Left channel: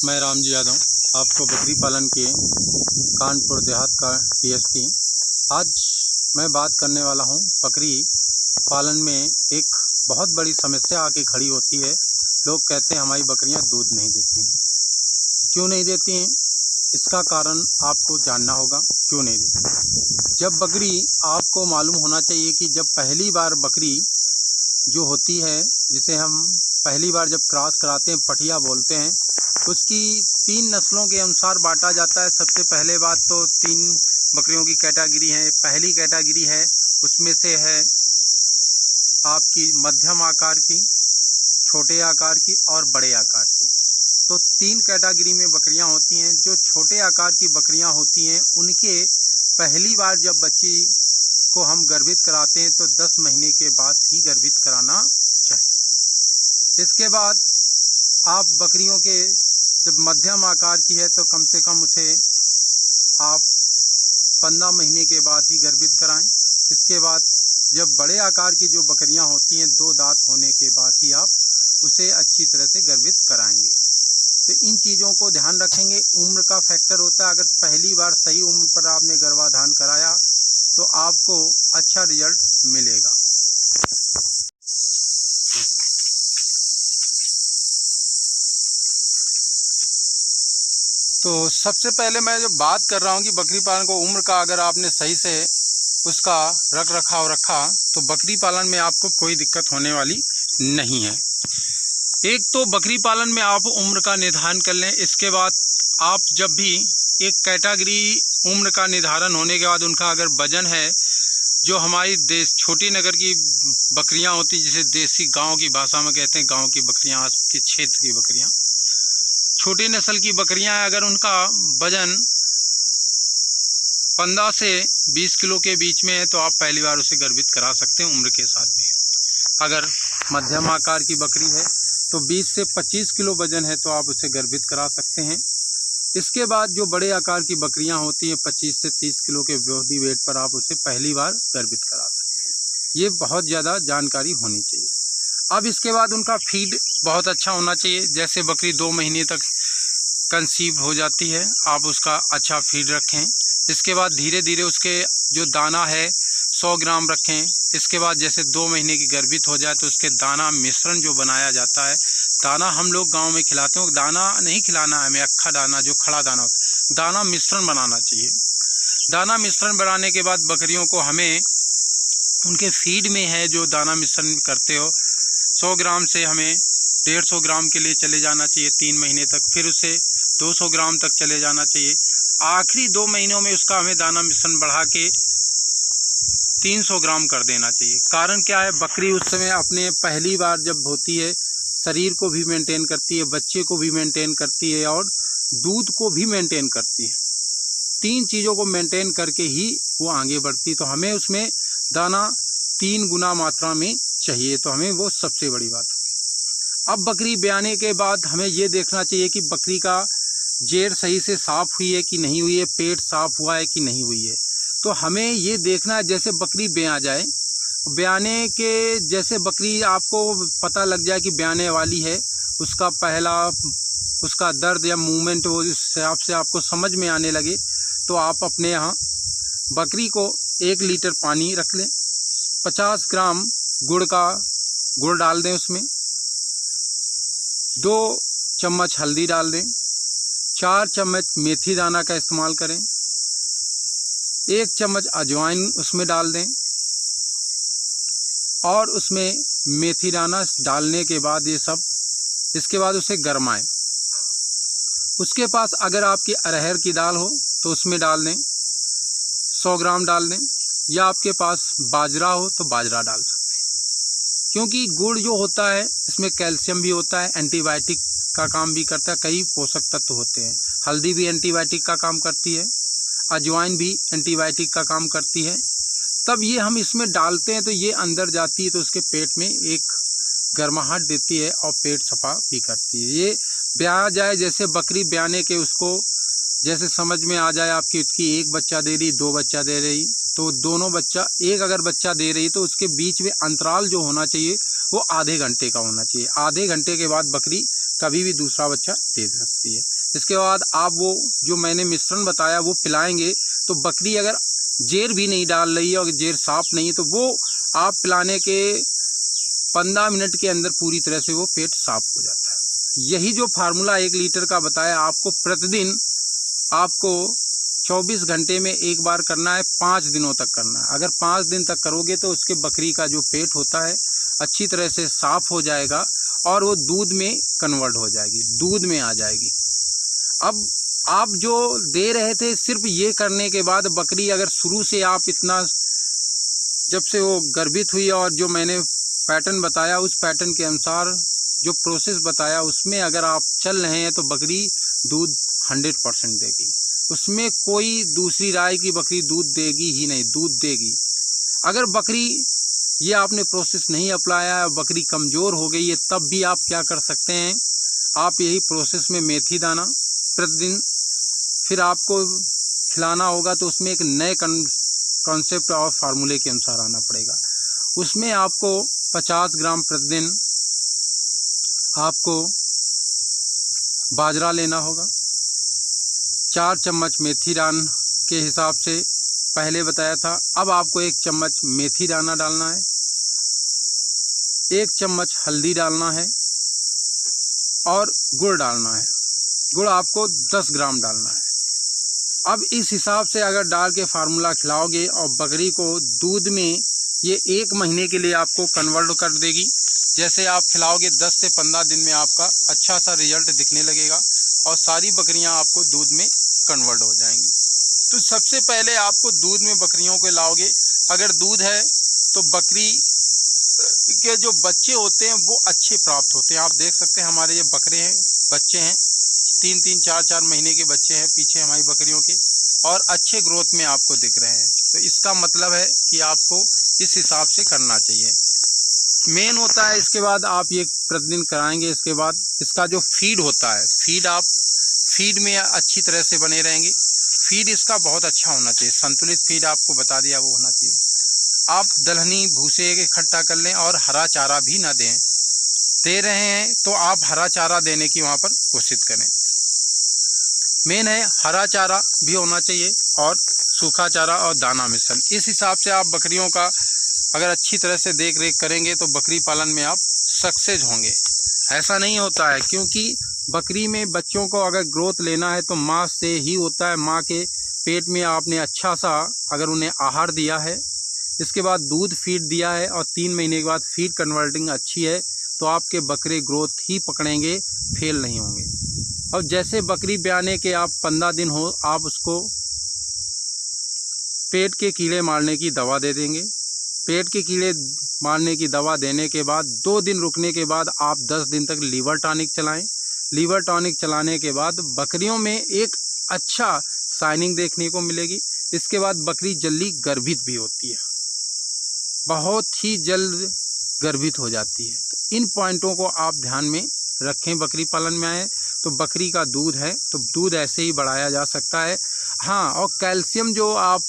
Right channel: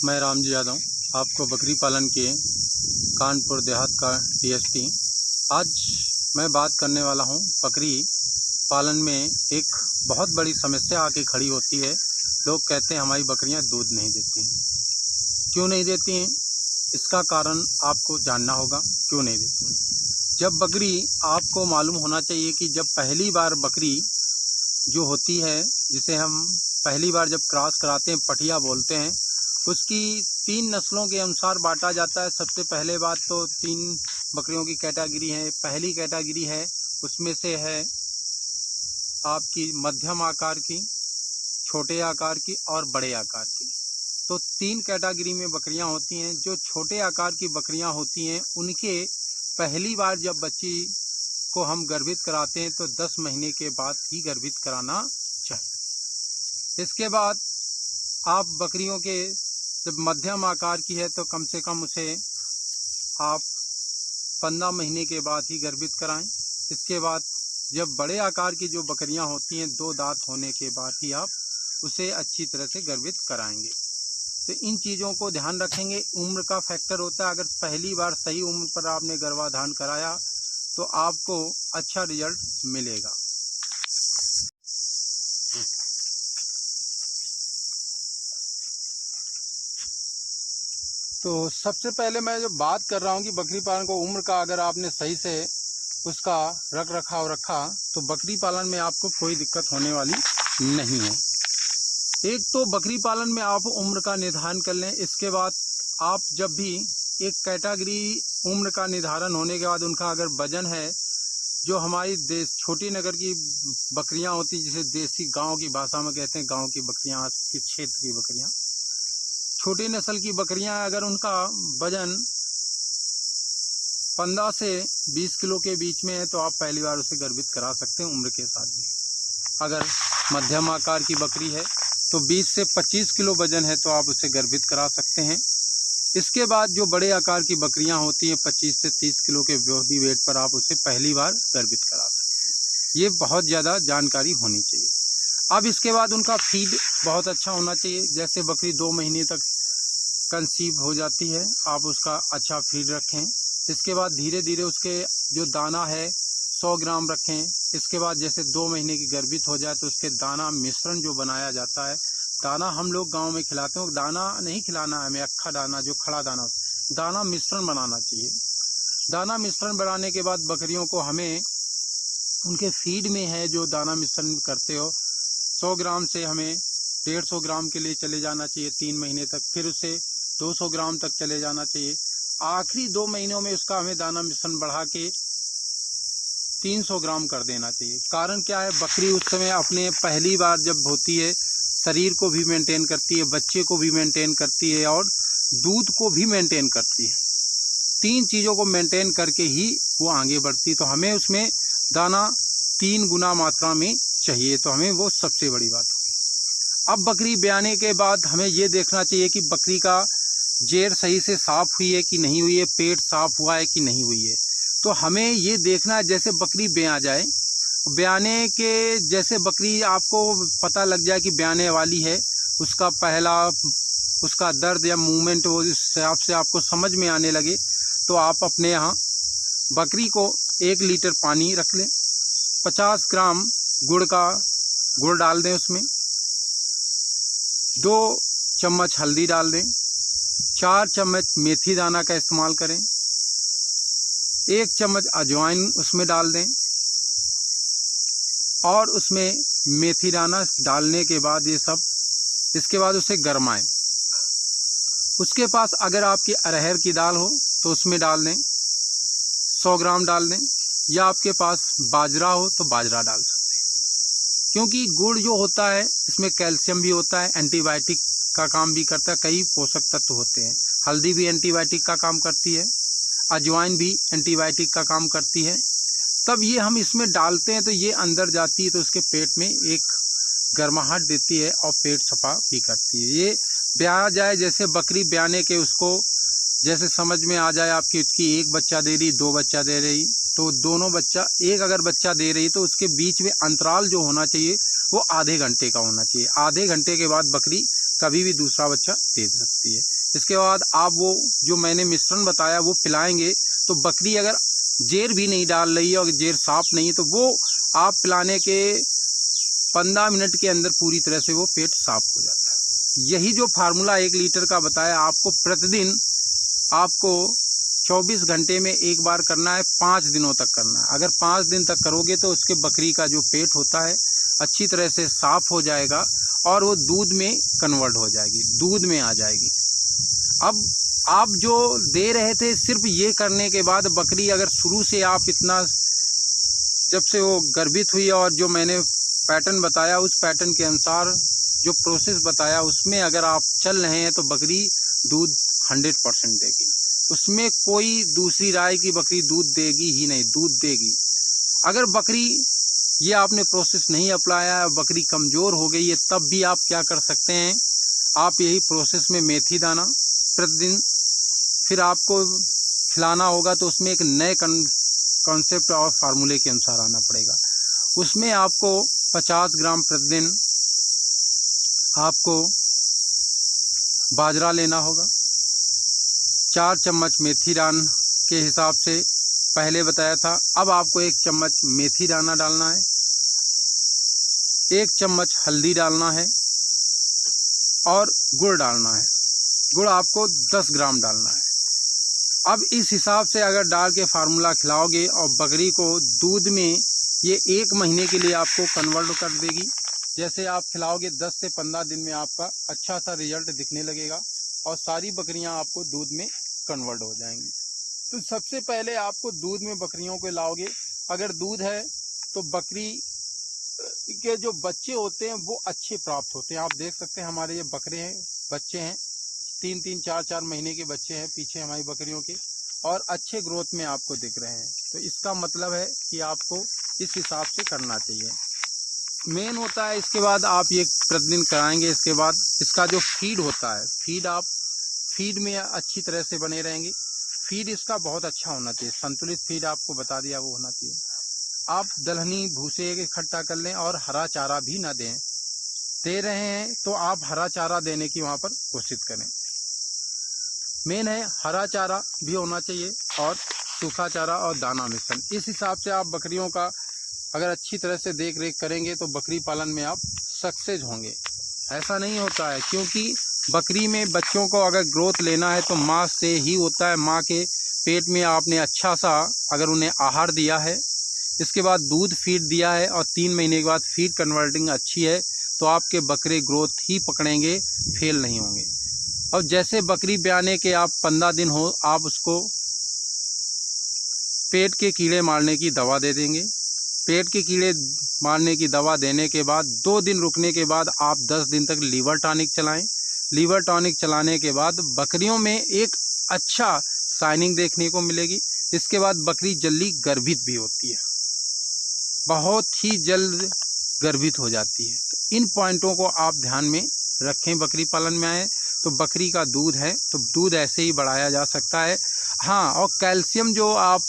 मैं रामजी यादव, आपको बकरी पालन के कानपुर देहात का डीएसपी। आज मैं बात करने वाला हूं, बकरी पालन में एक बहुत बड़ी समस्या आके खड़ी होती है। लोग कहते हैं हमारी बकरियां दूध नहीं देती हैं। क्यों नहीं देती हैं, इसका कारण आपको जानना होगा क्यों नहीं देती। जब बकरी, आपको मालूम होना चाहिए कि जब पहली बार बकरी जो होती है, जिसे हम पहली बार जब क्रॉस कराते हैं, पठिया बोलते हैं, उसकी 3 नस्लों के अनुसार बांटा जाता है। सबसे पहले बात तो 3 बकरियों की कैटेगरी है। पहली कैटेगरी है, उसमें से है आपकी मध्यम आकार की, छोटे आकार की और बड़े आकार की। तो 3 कैटेगरी में बकरियां होती हैं। जो छोटे आकार की बकरियां होती हैं, उनके पहली बार जब बच्ची को हम गर्भित कराते हैं तो 10 महीने के बाद ही गर्भित कराना चाहिए। इसके बाद आप बकरियों के जब मध्यम आकार की है तो कम से कम उसे आप 15 महीने के बाद ही गर्भित कराएं। इसके बाद जब बड़े आकार की जो बकरियां होती हैं, 2 दांत होने के बाद ही आप उसे अच्छी तरह से गर्भित कराएंगे। तो इन चीज़ों को ध्यान रखेंगे। उम्र का फैक्टर होता है। अगर पहली बार सही उम्र पर आपने गर्भाधान कराया तो आपको अच्छा रिजल्ट मिलेगा। तो सबसे पहले मैं जो बात कर रहा हूँ कि बकरी पालन को उम्र का अगर आपने सही से उसका रख रखाव रखा तो बकरी पालन में आपको कोई दिक्कत होने वाली नहीं है। एक तो बकरी पालन में आप उम्र का निर्धारण कर लें। इसके बाद आप जब भी एक कैटेगरी उम्र का निर्धारण होने के बाद उनका अगर वजन है, जो हमारी छोटी नगर की बकरियां होती, जिसे देसी गांव की भाषा में कहते हैं, गांव की बकरियां, आज के क्षेत्र की बकरियां, छोटी नस्ल की बकरियां, अगर उनका वजन 15 से 20 किलो के बीच में है तो आप पहली बार उसे गर्भित करा सकते हैं उम्र के साथ भी। अगर मध्यम आकार की बकरी है तो 20 से 25 किलो वजन है तो आप उसे गर्भित करा सकते हैं। इसके बाद जो बड़े आकार की बकरियां होती हैं, 25 से 30 किलो के बॉडी वेट पर आप उसे पहली बार गर्भित करा सकते हैं। ये बहुत ज़्यादा जानकारी होनी चाहिए। अब इसके बाद उनका फीड बहुत अच्छा होना चाहिए। जैसे बकरी 2 महीने तक कंसीव हो जाती है, आप उसका अच्छा फीड रखें। इसके बाद धीरे धीरे उसके जो दाना है 100 ग्राम रखें। इसके बाद जैसे 2 महीने की गर्भित हो जाए तो उसके दाना मिश्रण जो बनाया जाता है, दाना हम लोग गांव में खिलाते हैं, दाना नहीं खिलाना है हमें, अक्खा दाना, जो खड़ा दाना होता है, दाना मिश्रण बनाना चाहिए। दाना मिश्रण बनाने के बाद बकरियों को हमें उनके फीड में है जो दाना मिश्रण करते हो, 100 ग्राम से हमें 150 ग्राम के लिए चले जाना चाहिए 3 महीने तक। फिर उसे 200 ग्राम तक चले जाना चाहिए। आखिरी 2 महीनों में उसका हमें दाना मिश्रण बढ़ा के 300 ग्राम कर देना चाहिए। कारण क्या है, बकरी उस समय अपने पहली बार जब होती है, शरीर को भी मेंटेन करती है, बच्चे को भी मेंटेन करती है और दूध को भी मेंटेन करती है। 3 चीज़ों को मेंटेन करके ही वो आगे बढ़ती है। तो हमें उसमें दाना 3 गुना मात्रा में चाहिए, तो हमें वो सबसे बड़ी बात होगी। अब बकरी ब्याने के बाद हमें ये देखना चाहिए कि बकरी का जेर सही से साफ़ हुई है कि नहीं हुई है, पेट साफ़ हुआ है कि नहीं हुई है। तो हमें ये देखना है, जैसे बकरी ब्यां जाए, ब्याने के जैसे बकरी आपको पता लग जाए कि ब्याने वाली है, उसका पहला उसका दर्द या मूवमेंट वो इस हिसाब से आपको समझ में आने लगे, तो आप अपने यहाँ बकरी को 1 लीटर पानी रख लें, 50 ग्राम गुड़ डाल दें, उसमें 2 चम्मच हल्दी डाल दें, 4 चम्मच मेथी दाना का इस्तेमाल करें, 1 चम्मच अजवाइन उसमें डाल दें और उसमें मेथी दाना डालने के बाद ये सब, इसके बाद उसे गरमाएं। उसके पास अगर आपकी अरहर की दाल हो तो उसमें डाल दें, 100 ग्राम डाल दें, या आपके पास बाजरा हो तो बाजरा डाल सकते हैं। क्योंकि गुड़ जो होता है इसमें कैल्शियम भी होता है, एंटीबायोटिक का काम भी करता है, कई पोषक तत्व होते हैं। हल्दी भी एंटीबायोटिक का काम करती है, अजवाइन भी एंटीबायोटिक का काम करती है। तब ये हम इसमें डालते हैं तो ये अंदर जाती है तो उसके पेट में एक गर्माहट देती है और पेट सफा भी करती है। ये ब्याह जाए, जैसे बकरी ब्याने के उसको जैसे समझ में आ जाए आपकी उसकी 1 बच्चा दे रही, 2 बच्चा दे रही, तो दोनों बच्चा, एक अगर बच्चा दे रही तो उसके बीच में अंतराल जो होना चाहिए वो आधे घंटे का होना चाहिए। आधे घंटे के बाद बकरी कभी भी दूसरा बच्चा दे सकती है। इसके बाद आप वो जो मैंने मिश्रण बताया वो पिलाएंगे तो बकरी अगर जेर भी नहीं डाल रही है और जेर साफ नहीं है तो वो आप पिलाने के 15 मिनट के अंदर पूरी तरह से वो पेट साफ हो जाता है। यही जो फार्मूला 1 लीटर का बताया आपको प्रतिदिन आपको 24 घंटे में एक बार करना है, 5 दिनों तक करना है। अगर 5 दिन तक करोगे तो उसके बकरी का जो पेट होता है अच्छी तरह से साफ हो जाएगा और वो दूध में कन्वर्ट हो जाएगी, दूध में आ जाएगी। अब आप जो दे रहे थे सिर्फ ये करने के बाद बकरी अगर शुरू से आप इतना, जब से वो गर्भित हुई और जो मैंने पैटर्न बताया उस पैटर्न के अनुसार जो प्रोसेस बताया उसमें अगर आप चल रहे हैं तो बकरी दूध 100% देगी। उसमें कोई दूसरी राय की बकरी दूध देगी ही नहीं, दूध देगी। अगर बकरी ये आपने प्रोसेस नहीं अपनाया, बकरी कमज़ोर हो गई है, तब भी आप क्या कर सकते हैं, आप यही प्रोसेस में मेथी दाना प्रतिदिन फिर आपको खिलाना होगा तो उसमें एक नए कॉन्सेप्ट और फार्मूले के अनुसार आना पड़ेगा। उसमें आपको 50 ग्राम प्रतिदिन आपको बाजरा लेना होगा, 4 चम्मच मेथी दाना के हिसाब से पहले बताया था। अब आपको 1 चम्मच मेथी दाना डालना है, 1 चम्मच हल्दी डालना है और गुड़ डालना है। गुड़ आपको 10 ग्राम डालना है। अब इस हिसाब से अगर डाल के फार्मूला खिलाओगे और बकरी को दूध में ये 1 महीने के लिए आपको कन्वर्ट कर देगी। जैसे आप खिलाओगे 10 से 15 दिन में आपका अच्छा सा रिजल्ट दिखने लगेगा और सारी बकरियां आपको दूध में कन्वर्ट हो जाएंगी। तो सबसे पहले आपको दूध में बकरियों को लाओगे। अगर दूध है तो बकरी के जो बच्चे होते हैं वो अच्छे प्राप्त होते हैं। आप देख सकते हैं हमारे ये बकरे हैं, बच्चे हैं, 3-3, 4-4 महीने के बच्चे हैं पीछे हमारी बकरियों के और अच्छे ग्रोथ में आपको दिख रहे हैं। तो इसका मतलब है कि आपको इस हिसाब से करना चाहिए। मेन होता है इसके बाद आप ये प्रतिदिन कराएंगे। इसके बाद इसका जो फीड होता है, फीड में अच्छी तरह से बने रहेंगे। फीड इसका बहुत अच्छा होना चाहिए, संतुलित फीड आपको बता दिया वो होना चाहिए। आप दलहनी भूसे इकट्ठा कर लें और हरा चारा भी ना दें, दे रहे हैं तो आप हरा चारा देने की वहाँ पर कोशिश करें। मेन है हरा चारा भी होना चाहिए और सूखा चारा और दाना मिश्रण। इस हिसाब से आप बकरियों का अगर अच्छी तरह से देख रेख करेंगे तो बकरी पालन में आप सक्सेस होंगे। ऐसा नहीं होता है क्योंकि बकरी में बच्चों को अगर ग्रोथ लेना है तो माँ से ही होता है। माँ के पेट में आपने अच्छा सा अगर उन्हें आहार दिया है, इसके बाद दूध फीड दिया है और 3 महीने के बाद फीड कन्वर्टिंग अच्छी है तो आपके बकरे ग्रोथ ही पकड़ेंगे, फेल नहीं होंगे। और जैसे बकरी ब्याने के आप 15 दिन हो आप उसको पेट के कीड़े मारने की दवा दे देंगे। पेट के कीड़े मारने की दवा देने के बाद 2 दिन रुकने के बाद आप 10 दिन तक लीवर टॉनिक चलाएं। लीवर टॉनिक चलाने के बाद बकरियों में एक अच्छा शाइनिंग देखने को मिलेगी। इसके बाद बकरी जल्दी गर्भित भी होती है, बहुत ही जल्द गर्भित हो जाती है। तो इन पॉइंटों को आप ध्यान में रखें। बकरी पालन में आए तो बकरी का दूध है तो दूध ऐसे ही बढ़ाया जा सकता है। हाँ, और कैल्शियम जो आप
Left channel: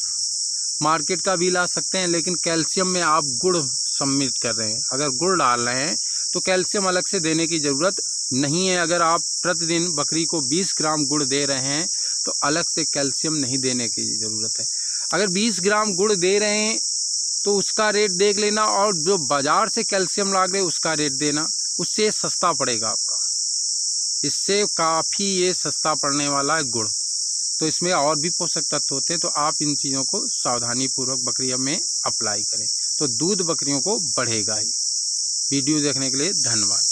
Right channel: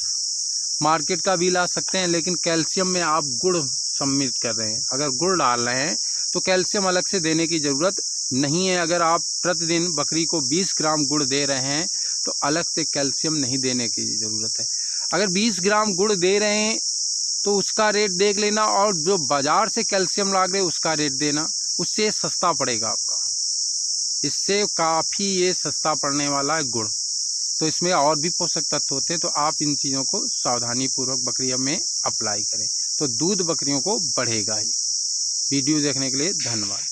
मार्केट का भी ला सकते हैं, लेकिन कैल्शियम में आप गुड़ सम्मिलित कर रहे हैं। अगर गुड़ डाल रहे हैं तो कैल्शियम अलग से देने की ज़रूरत नहीं है। अगर आप प्रतिदिन बकरी को 20 ग्राम गुड़ दे रहे हैं तो अलग से कैल्शियम नहीं देने की ज़रूरत है। अगर 20 ग्राम गुड़ दे रहे हैं तो उसका रेट देख लेना और जो बाज़ार से कैल्शियम ला रहे उसका रेट देना, उससे सस्ता पड़ेगा आपका। इससे काफ़ी ये सस्ता पड़ने वाला है गुड़। तो इसमें और भी पोषक तत्व होते हैं तो आप इन चीज़ों को सावधानीपूर्वक बकरियों में अप्लाई करें तो दूध बकरियों को बढ़ेगा ही। वीडियो देखने के लिए धन्यवाद।